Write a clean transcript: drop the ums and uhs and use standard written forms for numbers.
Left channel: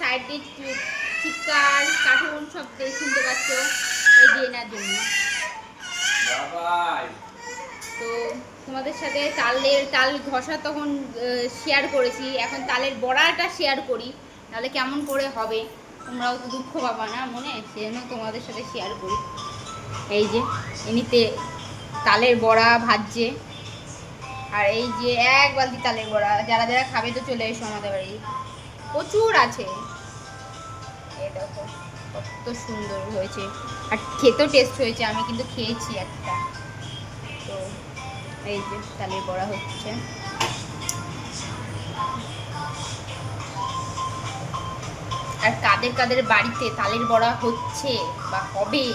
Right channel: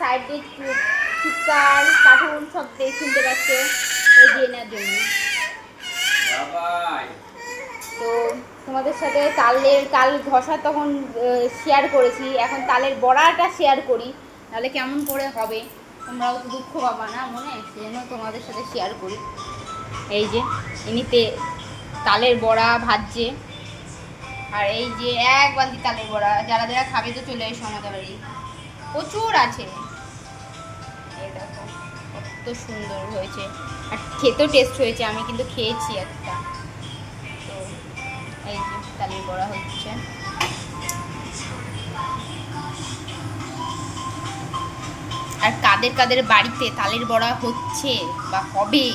Side দিয়ে চিৎকার cartoon সব শুনতে পাচ্ছ এই দিয়ে নেওয়ার জন্য। তো তোমাদের সাথে তাল ঘষা তখন শেয়ার করেছি, এখন তালের বড়াটা শেয়ার করি, তাহলে কেমন করে হবে তোমরাও তো দুঃখ পাবা না মনে, সেজন্য তোমাদের সাথে শেয়ার করি। এই যে এমনিতে তালের বড়া ভাজছে, আর এই যে এক বালতি তালের বড়া, যারা যারা খাবে তো চলে এসো আমাদের বাড়ি, প্রচুর আছে। এই দেখো কত সুন্দর হয়েছে, আর খেতেও টেস্ট হয়েছে, আমি কিন্তু খেয়েছি একটা। তো এই যে তালের বড়া হচ্ছে। আর কাদের কাদের বাড়িতে তালের বড়া হচ্ছে বা হবে